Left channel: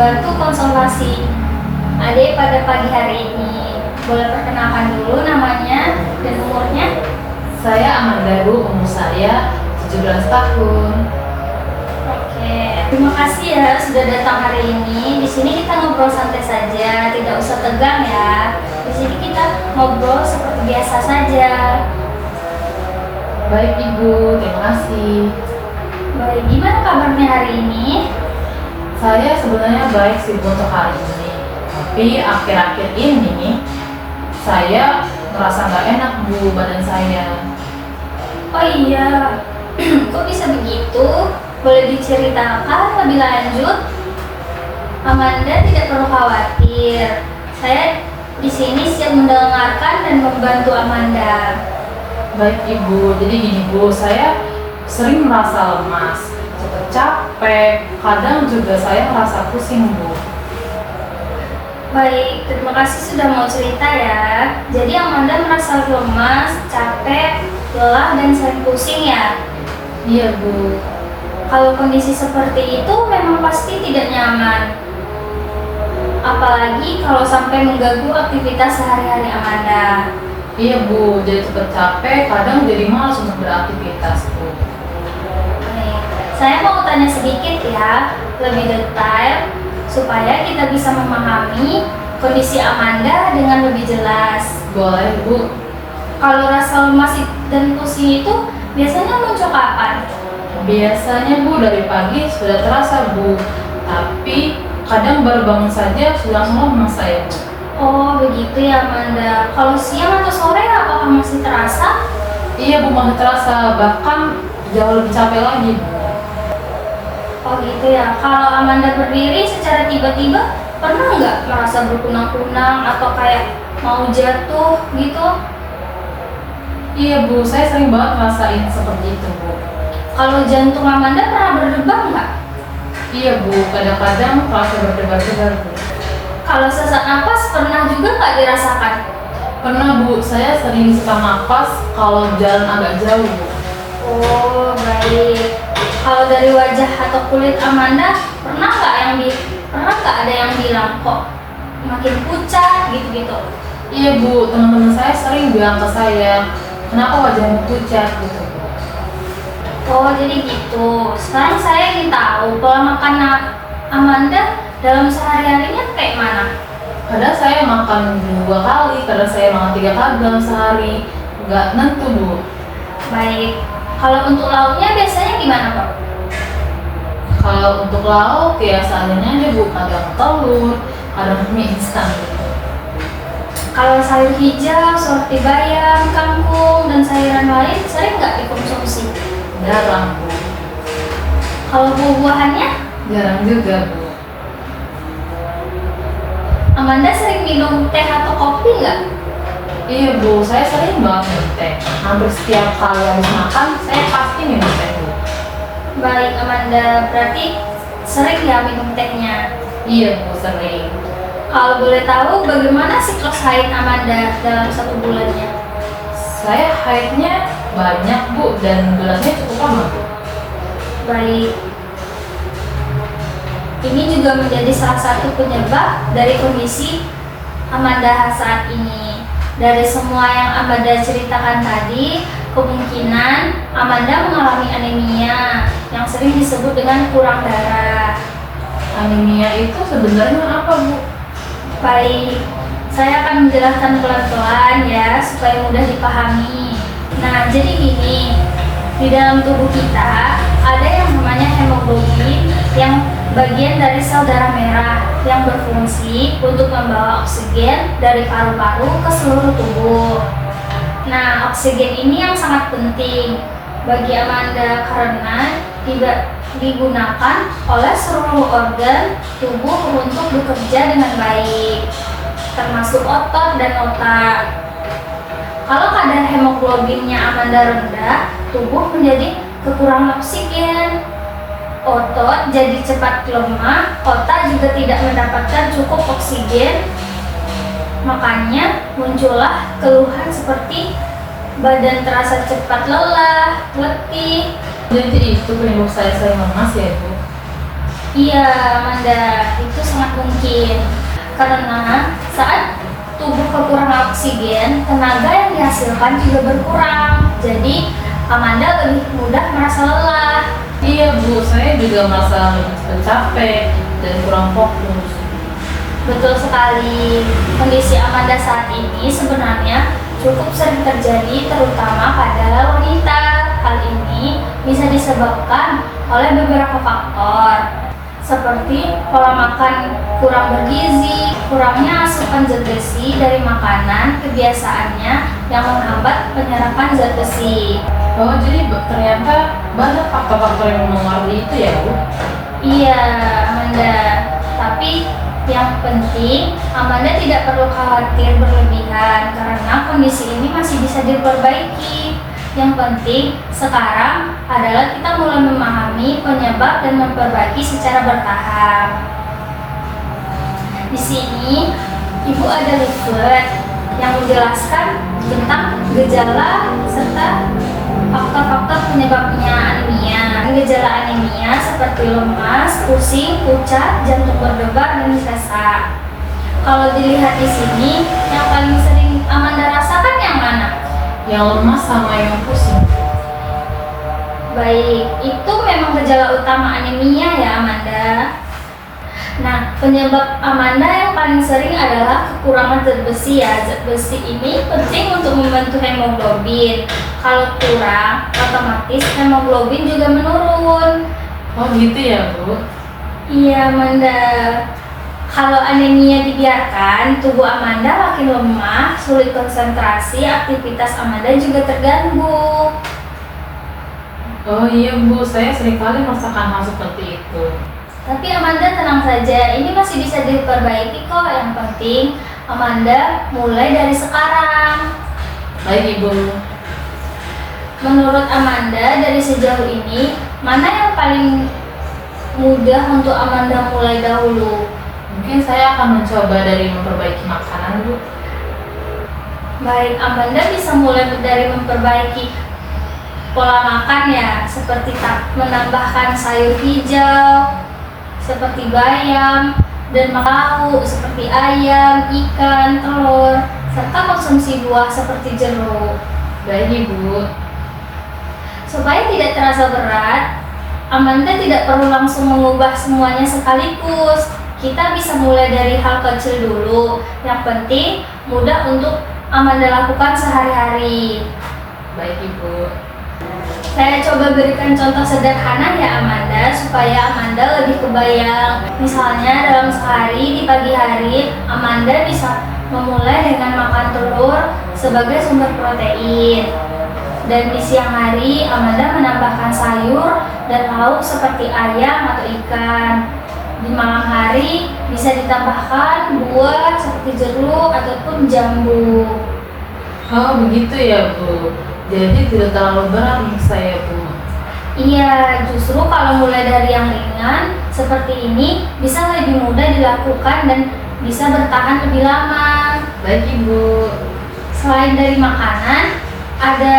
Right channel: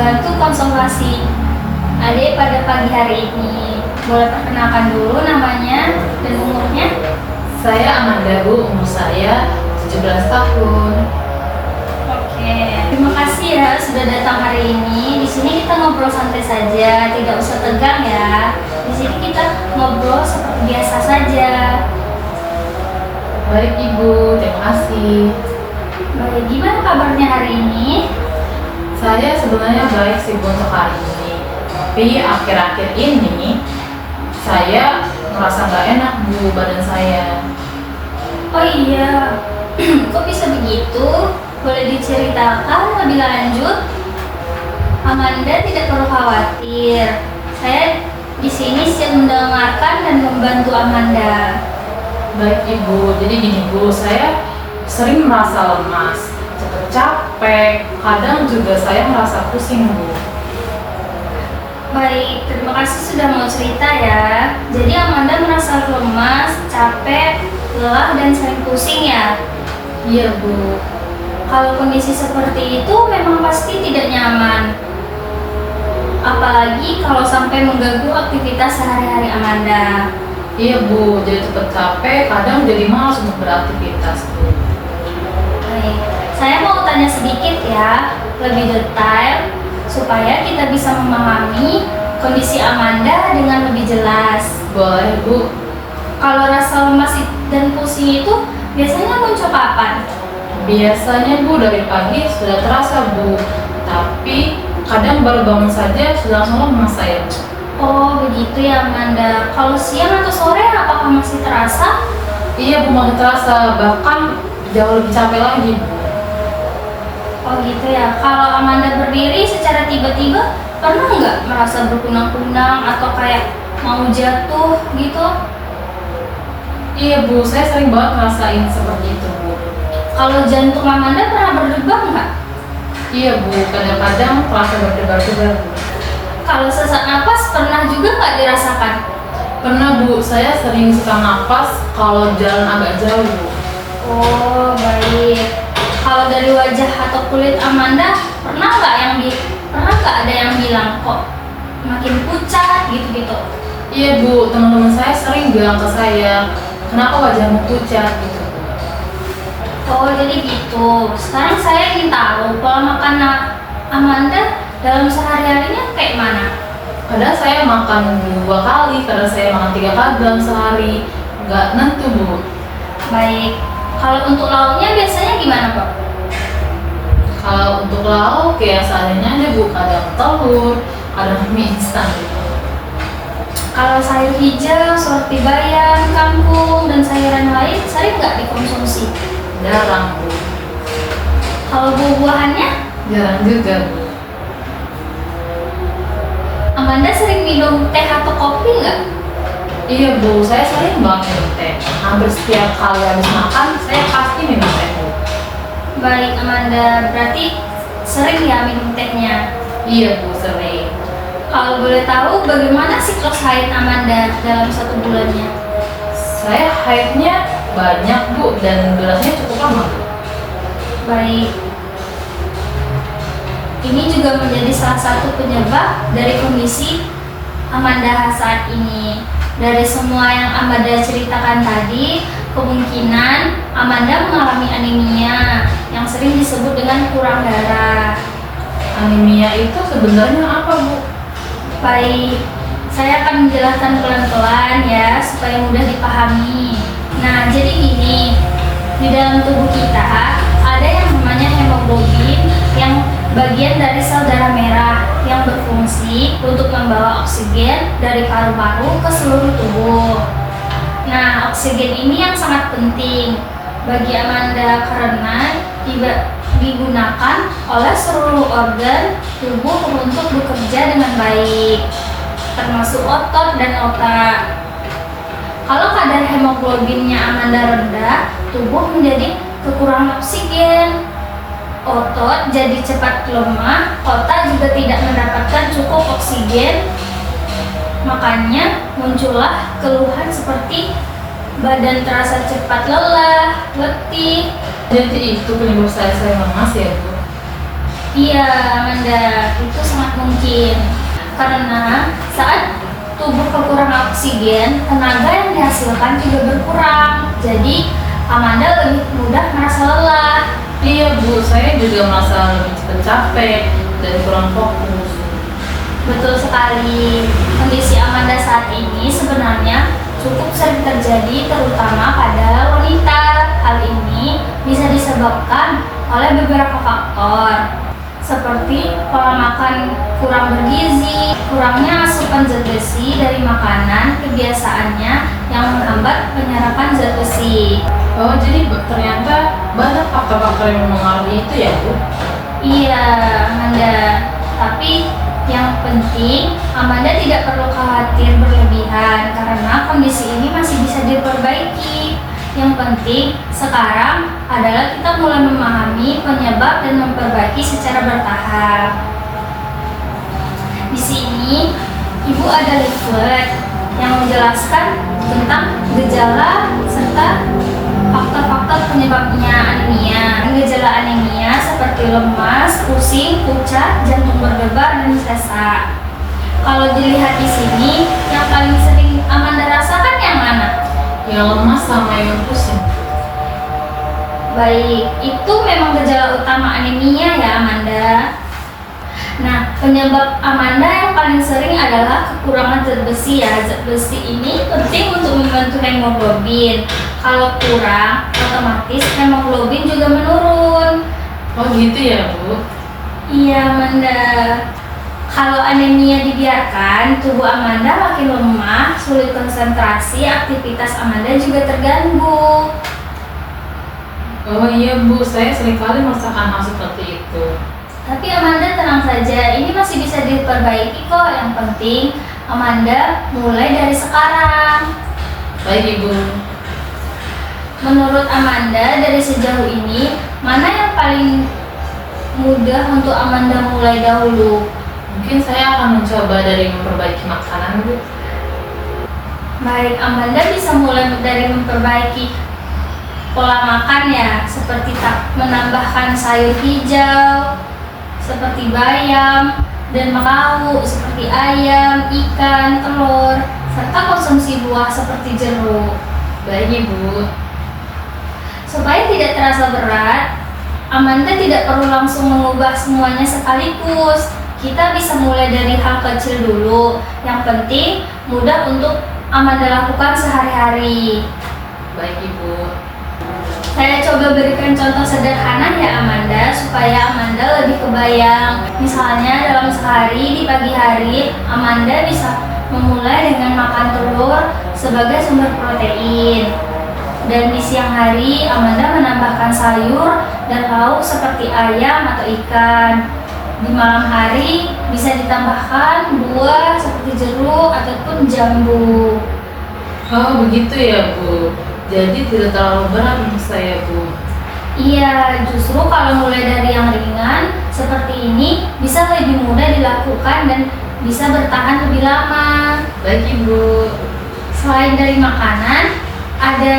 membantu konsultasi Ade pada pagi hari ini. Boleh perkenalkan dulu namanya dan umurnya? Saya Amanda Bu, umur saya 17 tahun. Oke, terima kasih ya sudah datang hari ini. Di sini kita ngobrol santai saja, tidak usah tegang ya. Di sini kita ngobrol seperti biasa saja. Baik Ibu, terima kasih. Baik, gimana kabarnya hari ini? Saya sebenarnya baik sih Bu untuk hari ini. Tapi akhir-akhir ini saya merasa nggak enak Bu badan saya. Oh iya, kok bisa begitu? Boleh diceritakan lebih lanjut? Amanda tidak perlu khawatir. Saya di sini siap mendengarkan dan membantu Amanda. Baik Ibu, jadi gini Bu, saya sering merasa lemas, cepat capek, kadang juga saya merasa pusing Bu. Baik, terima kasih sudah mau cerita ya. Jadi Amanda merasa lemas, capek, lelah, dan sering pusing ya? Iya Bu. Kalau kondisi seperti itu memang pasti tidak nyaman. Apalagi kalau sampai mengganggu aktivitas sehari-hari Amanda. Iya Bu, jadi cepat capek, kadang jadi malas untuk beraktivitas Bu. Baik, saya mau tanya sedikit ya, lebih detail supaya kita bisa memahami kondisi Amanda dengan lebih jelas. Boleh Bu. Kalau rasa lemas dan pusing itu biasanya muncul kapan? Biasanya Bu dari pagi sudah terasa Bu, tapi kadang baru bangun saja sudah langsung lemas saya Bu. Oh begitu ya Amanda. Kalau siang atau sore apakah masih terasa? Iya Bu, masih terasa, bahkan jauh lebih capek lagi Bu. Oh gitu ya. Kalau Amanda berdiri secara tiba-tiba pernah nggak merasa berkunang-kunang atau kayak mau jatuh gitu? Iya Bu, saya sering banget ngerasain seperti itu Bu. Kalau jantung Amanda pernah berdebar nggak? Iya Bu, kadang-kadang terasa berdebar-debar Bu. Kalau sesak napas pernah juga nggak dirasakan? Pernah Bu, saya sering sesak napas kalau jalan agak jauh Bu. Oh baik. Kalau dari wajah atau kulit Amanda pernah nggak ada yang bilang kok makin pucat gitu-gitu? Iya Bu, teman-teman saya sering bilang ke saya, kenapa wajahmu pucat gitu Bu. Oh jadi gitu. Sekarang saya ingin tahu pola makan Amanda dalam sehari-harinya kayak mana? Kadang saya makan 2 kali, kadang saya makan 3 kali dalam sehari, nggak nentu Bu. Baik. Kalau untuk lauknya biasanya gimana Pak? Kalau untuk lauk ya seadanya aja Bu, kadang telur, kadang mie instan gitu. Kalau sayur hijau seperti bayam, kangkung, dan sayuran lain sering nggak dikonsumsi? Jarang Bu. Kalau buah-buahannya, Jarang juga Bu. Amanda sering minum teh atau kopi nggak? Iya Bu, saya sering banget minum teh. Hampir setiap kali habis makan, saya pasti minum teh Bu. Baik Amanda, berarti sering ya minum tehnya. Iya Bu, sering. Kalau boleh tahu bagaimana siklus haid Amanda dalam 1 bulannya? Saya haidnya banyak Bu, dan durasinya cukup lama Bu. Baik. Ini juga menjadi salah satu penyebab dari kondisi Amanda saat ini. Dari semua yang Amanda ceritakan tadi, kemungkinan Amanda mengalami anemia yang sering disebut dengan kurang darah. Anemia itu sebenarnya apa Bu? Baik, saya akan menjelaskan pelan-pelan ya supaya mudah dipahami. Nah, jadi gini, di dalam tubuh kita ada yang namanya hemoglobin yang bagian dari sel darah merah yang berfungsi untuk membawa oksigen dari paru-paru ke seluruh tubuh. Nah, oksigen ini yang sangat penting bagi Amanda karena digunakan oleh seluruh organ tubuh untuk bekerja dengan baik, termasuk otot dan otak. Kalau kadar hemoglobinnya Amanda rendah, tubuh menjadi kekurangan oksigen, otot jadi cepat lemah, otak juga tidak mendapatkan cukup oksigen. Makanya muncullah keluhan seperti badan terasa cepat lelah, letih. Jadi itu penyebab saya sering lemas ya Bu? Iya Amanda, itu mungkin. Karena saat tubuh kekurangan oksigen, tenaga yang dihasilkan juga berkurang. Jadi, Amanda lebih mudah merasa lelah. Iya Bu, saya juga merasa lebih cepat capek dan kurang fokus. Betul sekali. Kondisi Amanda saat ini sebenarnya cukup sering terjadi terutama pada wanita. Hal ini bisa disebabkan oleh beberapa faktor seperti pola makan kurang bergizi, kurangnya asupan zat besi dari makanan, kebiasaannya yang menghambat penyerapan zat besi. Oh, jadi ternyata banyak faktor-faktor yang mempengaruhi itu ya Bu? Iya, Amanda. Tapi yang penting, Amanda tidak perlu khawatir berlebihan karena kondisi ini masih bisa diperbaiki. Yang penting sekarang adalah kita mulai memahami penyebab dan memperbaiki secara bertahap. Di sini, Ibu ada leaflet yang menjelaskan tentang gejala serta faktor-faktor penyebabnya anemia. Gejala anemia seperti lemas, pusing, pucat, jantung berdebar, dan sesak. Kalau dilihat di sini, yang paling sering Amanda rasakan yang mana? Yang lemas sama yang pusing. Baik, itu memang gejala utama anemia ya Amanda. Nah, penyebab Amanda yang paling sering adalah kekurangan zat besi ya. Zat besi ini penting untuk membentuk hemoglobin. Kalau kurang, otomatis hemoglobin juga menurun. Oh gitu ya Bu? Iya Amanda. Kalau anemia dibiarkan, tubuh Amanda makin lemah, sulit konsentrasi, aktivitas Amanda juga terganggu. Oh iya Bu, saya seringkali merasakan hal seperti itu. Tapi Amanda tenang saja, ini masih bisa diperbaiki kok. Yang penting Amanda mulai dari sekarang. Baik Ibu. Menurut Amanda, dari sejauh ini, mana yang paling mudah untuk Amanda mulai dahulu? Mungkin saya akan mencoba dari memperbaiki makanan Bu. Baik, Amanda bisa mulai dari memperbaiki pola makan ya, seperti menambahkan sayur hijau, seperti bayam, dan lauk seperti ayam, ikan, telur, serta konsumsi buah seperti jeruk. Baik Ibu. Supaya tidak terasa berat, Amanda tidak perlu langsung mengubah semuanya sekaligus. Kita bisa mulai dari hal kecil dulu. Yang penting mudah untuk Amanda lakukan sehari-hari. Baik Ibu. Saya coba berikan contoh sederhana ya Amanda, supaya Amanda lebih kebayang. Misalnya dalam sehari di pagi hari, Amanda bisa memulai dengan makan telur sebagai sumber protein. Dan di siang hari, Amanda menambahkan sayur dan lauk seperti ayam atau ikan. Di malam hari bisa ditambahkan buah seperti jeruk ataupun jambu. Oh begitu ya Bu. Jadi tidak terlalu berat untuk saya Bu. Iya, justru kalau mulai dari yang ringan seperti ini bisa lebih mudah dilakukan dan bisa bertahan lebih lama. Baik Ibu. Selain dari makanan, ada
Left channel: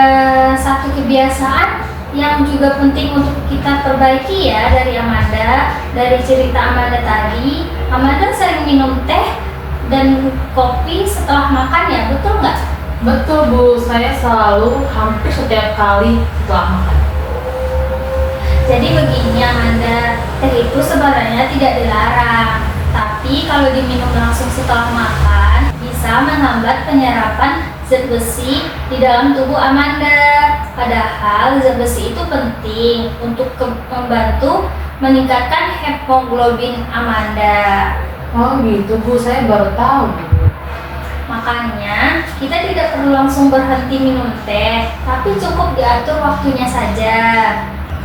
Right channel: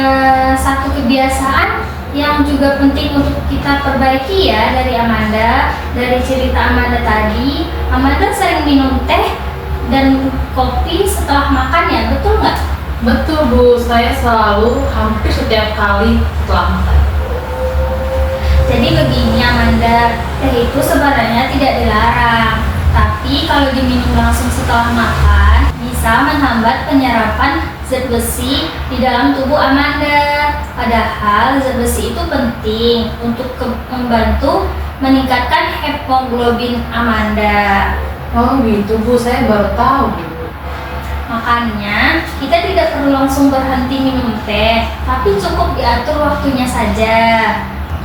satu kebiasaan yang juga penting untuk kita perbaiki ya dari Amanda. Dari cerita Amanda tadi, Amanda sering minum teh dan kopi setelah makan ya, betul nggak? Betul Bu, saya selalu hampir setiap kali setelah makan. Jadi begini Amanda, teh itu sebenarnya tidak dilarang, tapi kalau diminum langsung setelah makan bisa menghambat penyerapan zat besi di dalam tubuh Amanda. Padahal zat besi itu penting untuk membantu meningkatkan hemoglobin Amanda. Oh gitu Bu, saya baru tahu Bu. Makanya kita tidak perlu langsung berhenti minum teh, tapi cukup diatur waktunya saja.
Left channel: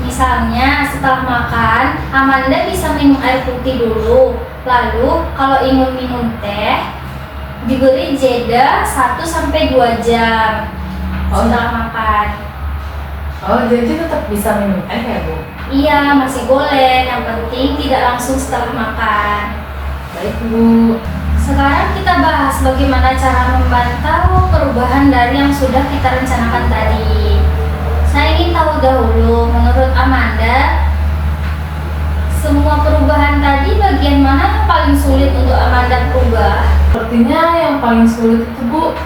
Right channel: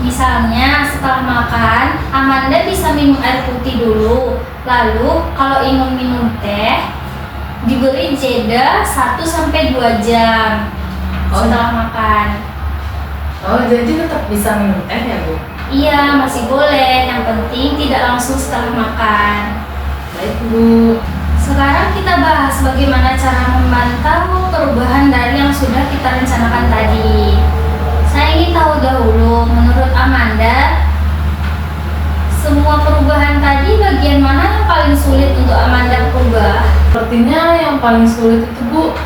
Misalnya setelah makan, Amanda bisa minum air putih dulu. Lalu kalau ingin minum teh, diberi jeda 1-2 jam setelah makan. Oh jadi tetap bisa minum teh ya Bu? Iya, masih boleh. Yang penting tidak langsung setelah makan. Baik Bu. Sekarang kita bahas bagaimana cara memantau perubahan dari yang sudah kita rencanakan tadi. Saya ingin tahu dahulu, menurut Amanda, semua perubahan tadi bagian mana yang paling sulit paling sulit itu Bu,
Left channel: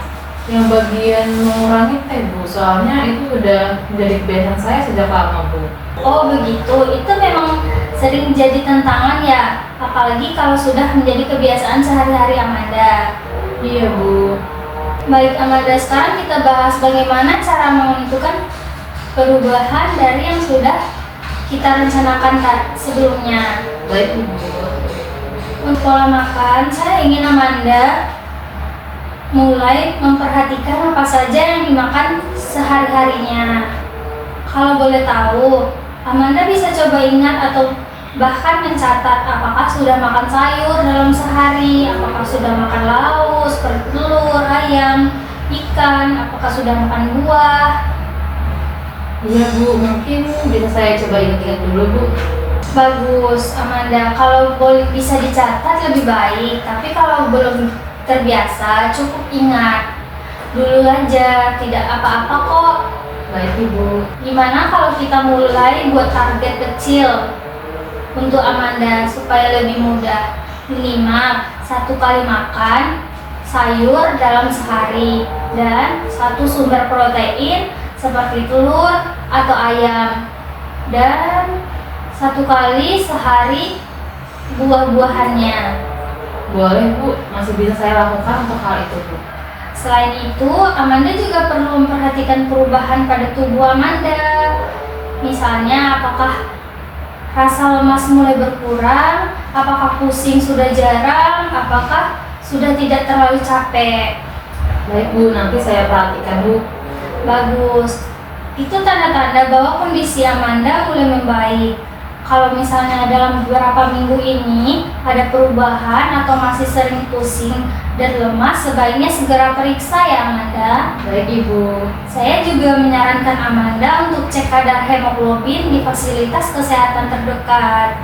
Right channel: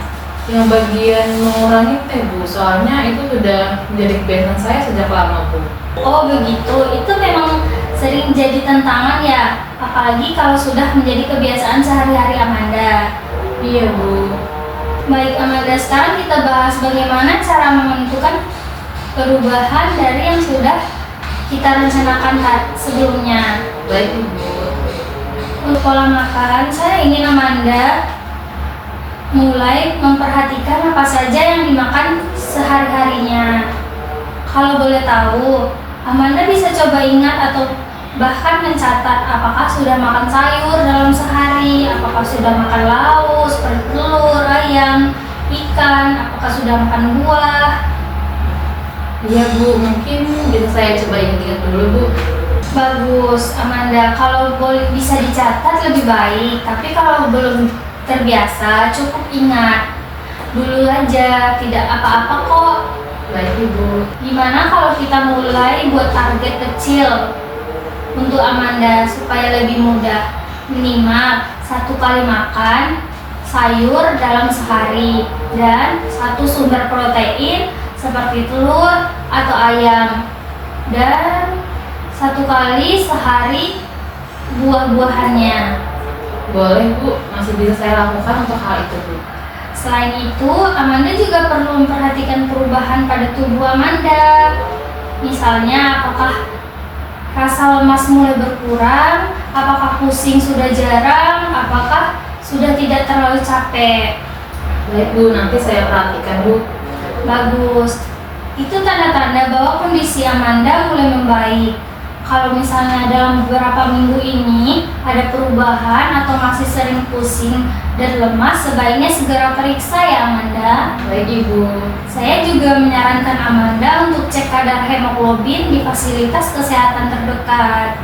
yang bagian mengurangi teh Bu. Soalnya itu sudah menjadi kebiasaan saya sejak lama Bu. Oh begitu, itu memang sering jadi tantangan ya, apalagi kalau sudah menjadi kebiasaan sehari-hari Amanda. Iya Bu. Baik Amanda, sekarang kita bahas bagaimana cara menentukan perubahan dari yang sudah kita rencanakan sebelumnya. Baik Ibu. Untuk pola makan, saya ingin Amanda mulai memperhatikan apa saja yang dimakan sehari-harinya. Kalau boleh tahu, Amanda bisa coba ingat atau bahkan mencatat apakah sudah makan sayur dalam sehari, apakah sudah makan lauk seperti telur, ayam, ikan, apakah sudah makan buah. Iya Bu, mungkin bisa saya coba ingat-ingat dulu Bu. Bagus Amanda, kalau boleh bisa dicatat lebih baik, tapi kalau belum terbiasa cukup ingat dulu aja, tidak apa-apa kok. Baik Ibu. Gimana kalau kita mulai buat target kecil untuk Amanda supaya lebih mudah? Minimal 1 kali makan sayur dalam sehari dan 1 sumber protein seperti telur atau ayam, dan 1 kali sehari buah-buahannya. Boleh Bu, masih bisa saya lakukan untuk hal itu Bu. Selain itu, Amanda juga perlu memperhatikan perubahan pada tubuh Amanda. Misalnya, apakah rasa lemas mulai berkurang, apakah pusing sudah jarang, apakah sudah tidak terlalu capek. Baik Bu, nanti saya perhatikan Bu. Bagus. Itu tanda-tanda bahwa kondisi Amanda mulai membaik. Kalau misalnya dalam beberapa minggu ini ada perubahan atau masih sering pusing dan lemas, sebaiknya segera periksa ya Amanda. Baik Ibu. Saya juga menyarankan Amanda untuk cek kadar hemoglobin di fasilitas kesehatan terdekat.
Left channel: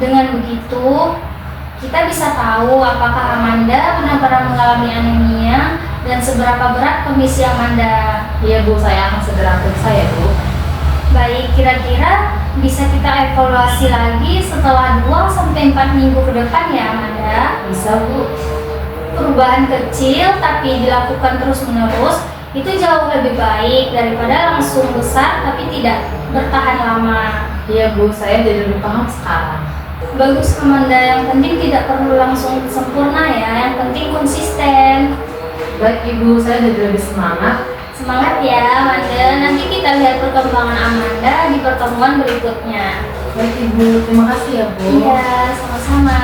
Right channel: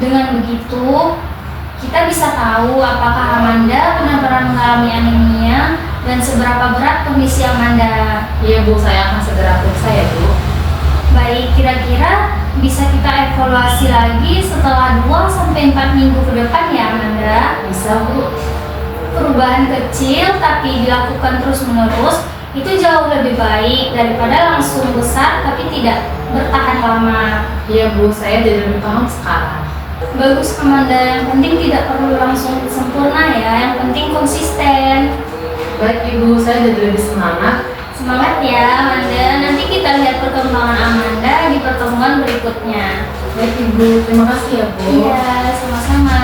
Dengan begitu, kita bisa tahu apakah Amanda benar-benar mengalami anemia dan seberapa berat kondisi Amanda. Iya Bu, saya akan segera periksa ya Bu. Baik, kira-kira bisa kita evaluasi lagi setelah 2-4 minggu ke depan ya Amanda. Bisa Bu. Perubahan kecil tapi dilakukan terus-menerus itu jauh lebih baik daripada langsung besar tapi tidak bertahan lama. Iya Bu, saya jadi lebih paham sekarang. Bagus Amanda, yang penting tidak perlu langsung sempurna ya, yang penting konsisten. Baik Ibu, saya jadi lebih semangat. Semangat ya Amanda, nanti kita lihat perkembangan Amanda di pertemuan berikutnya. Baik Ibu, terima kasih ya Bu. Iya, sama-sama.